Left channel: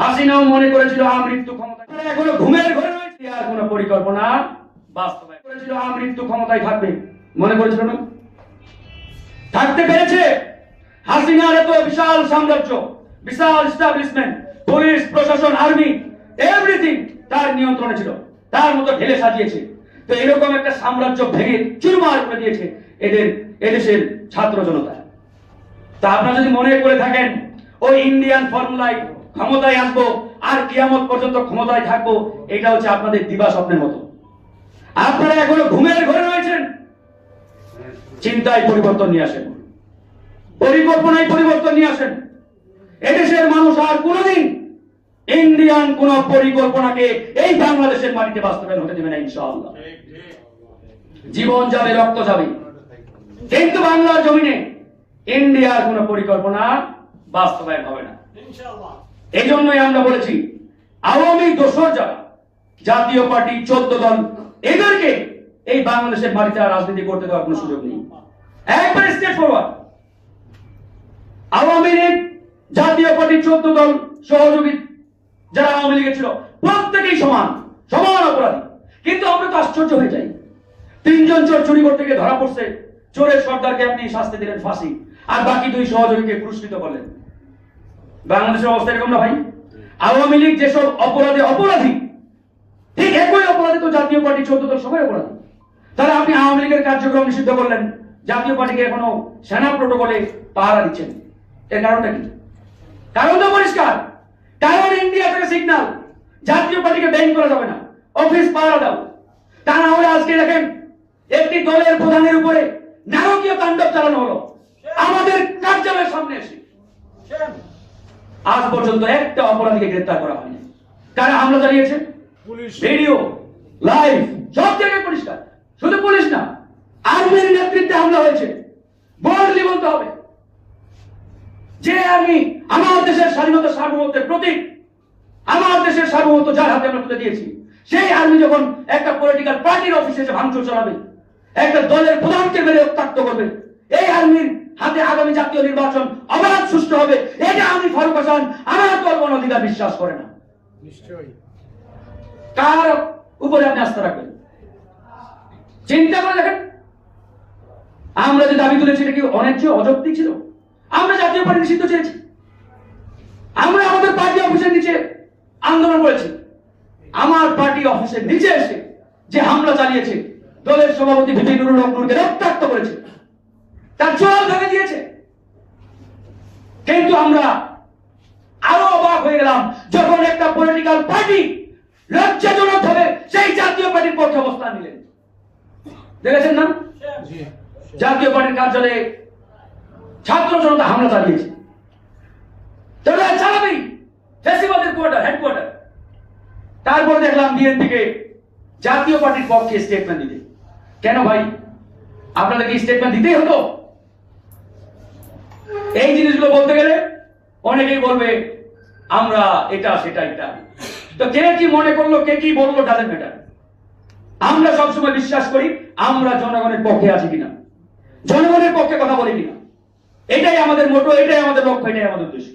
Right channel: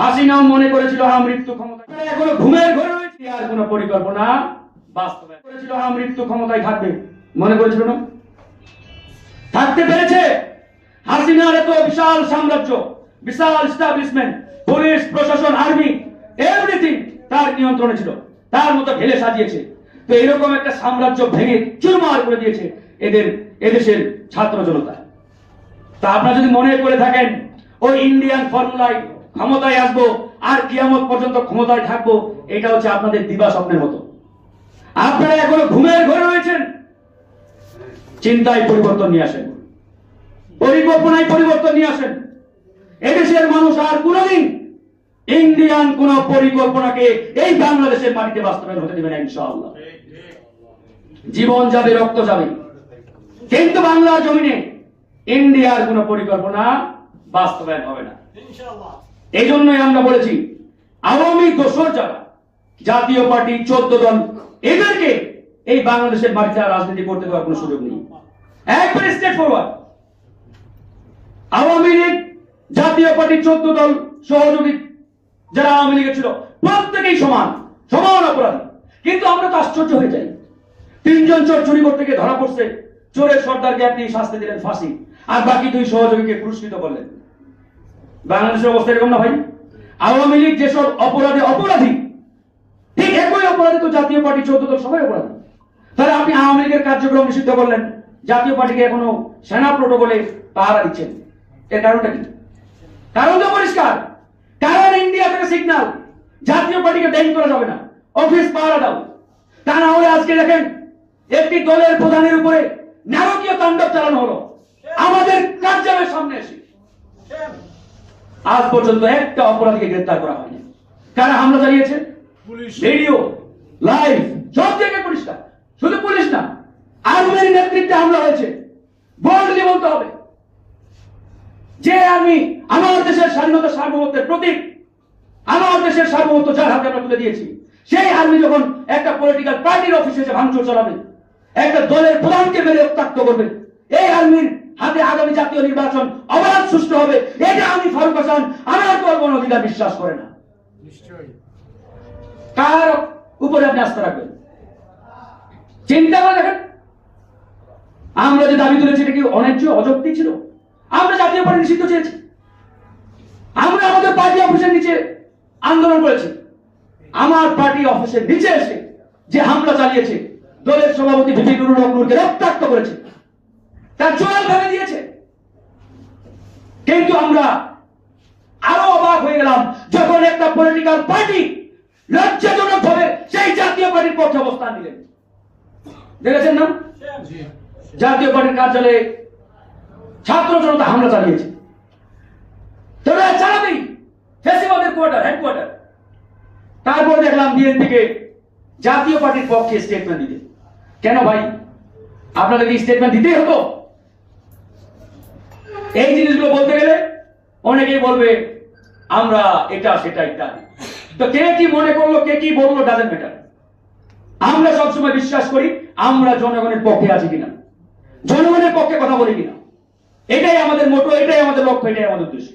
হাসিনাও মনে করেছিল হা মৃত্যু ক্ষমতা এখনও ঘুমের ঘরে রয়েছে, আর কোনো পরিকল্পনা বাস্তবায়ন করেছিল হা মৃত্যু ক্ষমতায় থাকবে। মনে করেছিল না? থাকতে পেরেছে। হাসিনার এত বিশাল সাম্রাজ্য, বিশাল স্টাবলিশমেন্ট পুলিশ, প্রশাসন আর্মি এভরিথিং তার নিয়ন্ত্রণে ছিল। তার মতো ঢেলে সাজিয়েছে। তো এরকম একটা সাম্রাজ্য ভেঙে চুরমার করে দিয়েছে এদের, এদেশের ছাত্র জনতা। তা আপনারা যদি মনে করে থাকেন, ওই ইন্ডিয়ান ফর্মুলায় ক্ষমতায় আসব, আর কিয়ামত পর্যন্ত ক্ষমতায় থাকব, এটা হচ্ছে আপনাদের দিবা স্বপ্নের মতো। আপনারা এখনও ঘুমের ঘরে রয়েছেন। চিন্তায় পরিবর্তন নিয়ে আসেন। পরিকল্পনায় পরিবর্তন নিয়ে আসেন। এদেশের মানুষ আর কোনোদিন ইন্ডিয়ান কোন পরিকল্পনাকে এই বাংলাদেশের মাটিতে বাস্তবায়ন হতে দেবে না, ইনশাআল্লাহ। জীবন যাবে, রক্ত যাবে। কিন্তু বাংলার জমিনে ইন্ডিয়ার কোন পরিকল্পনা বাস্তবায়ন হবে না। এই জন্যই আমরা বলেছি, আওয়ামী যারা, জাতীয় পার্টি, চোদ্দ দল, এদেরকে এই বাংলাদেশের মাটিতে আর রাজনীতি করতে দেওয়ার কোনো সুযোগ নেই। একবারে স্টেট ফরওয়ার্ড আওয়ামী লীগ, জাতীয় পার্টি, চোদ্দ দল সহযোগী যারা আওয়ামী লীগে ছিল, প্রত্যেকেই সমান সমান অপরাধী। কিন্তু আমরা তো আশ্চর্য হয়ে যাই। তিনজন চোর চুরি করতে গিয়ে ধরা পড়ছে। চোরের সর্দারকে আপনি শাস্তি দিলেন ফাঁসি, আর বাকি দুই সহযোগীকে পুরস্কৃত করলেন। বাংলাদেশের অবস্থা এরকম না ভাই? আওয়ামী লীগ যেসব অপরাধী অপরাধী, ঠিক একই অপরাধী তো জাতীয় পার্টি চোদ্দ দল সবাই অপরাধী। তাহলে আপনি আওয়ামী লীগের কার্যক্রম নিষিদ্ধ করলেন, জাতীয় পার্টিকে এখনও সেনা প্রোটোকলে পাহারা দিচ্ছেন। এর কারণটা কি? কারণ তো পরিষ্কার। কারণ ইন্ডিয়া থেকে সিগন্যাল জাতীয় পার্টিকে ব্যান করা যাবে না। অফিস পাহারা দাও। তা না হলে আজকে দেখেন, একটি দলের প্রধানের উপরে নারকীয় তাণ্ডব চালানো হলো। আমাদের কার্যালয়ের সামনে এসে। আজ পর্যন্ত একটা অপরাধীকে গ্রেফতার করা হয়নি। কারা হামলা চালিয়েছে? পুলিশ। ভিডিও লাইভ সব জায়গায় পরিষ্কার। শুধু পুলিশ না আর্মির নেতৃত্বে হামলা হয়েছে। বোল্ডলি বলতে হবে। যে আর্মি আমার দেশের স্বাধীনতা সার্বভৌমত্বের প্রতীক আমার দেশের সার্বভৌমত্ব যার হাতে আমরা তুলে দিয়েছি সেই আর্মি যখন একটা পলিটিক্যাল পার্টির অফিসে এসে ভাঙচুর চালাবে একটা দলের প্রধানকে মেরে উত্তাক্ত করবে এই আর্মির হাতে আগামী জাতীয় নির্বাচন অবাধ সুষ্ঠু হবে হাসান আমার দল কোনো অধিকার বিশ্বাস করে না। নিশ্চয়ই। কার উপরে আপনি আস্থা রাখবেন? চিন্তা করে দেখেন। আমরা যে দাবি তুলেছি এটা কি অন্যায্য অযৌক্তিক ছিল? আমরা জাতীয় পার্টি নিষিদ্ধ চেয়েছি। আমরা আমাদের পার্টি অফিসের নিচে আন্দোলন করেছি। আমার পার্টি অফিসের নিচে এসে যে হামলা চালিয়েছে দলের সভাপতি ভিপি নুরুল হক নূরকে রক্তাক্ত করেছে। তার জল ভেঙে দিয়েছে। কিন্তু আমরা আরও অবাক হয়ে গেলাম যখন একটা পলিটিক্যাল পার্টি লজ্জাজনক ভাবে সেই জাতীয় পার্টির পক্ষে অবস্থান নিলেন। দেখেছেন না? জাতীয় পার্টির কার্যালয়ে ছাত্র জনতা হামলা চালিয়েছে। তারা চালাবেই ফেসিবাদের কোয়ার্টার হেডকোয়ার্টার তারপর দেখলাম বিএনপিকে জাতীয় পার্টির পক্ষে স্টেটমেন্ট দিতে। কেন ভাই? আপনাদের কি স্টেটমেন্ট দিতেই হতো? এই জিনিসগুলো বলতে গেলে অনেকেই বলবে আমরা এটা, সেটা ইত্যাদি। তো কে কি মনে করল, কে কি বলল ডাজেন্ট ম্যাটার আমরা সবসময় বিশ্বাস করি, আমরা জনগণের পক্ষে আছি কিনা। জনগণের পক্ষে কথা বলি কিনা। এটাই আমাদের মোটো এটাই আমাদের লক্ষ্য, এটাই আমাদের উদ্দেশ্য।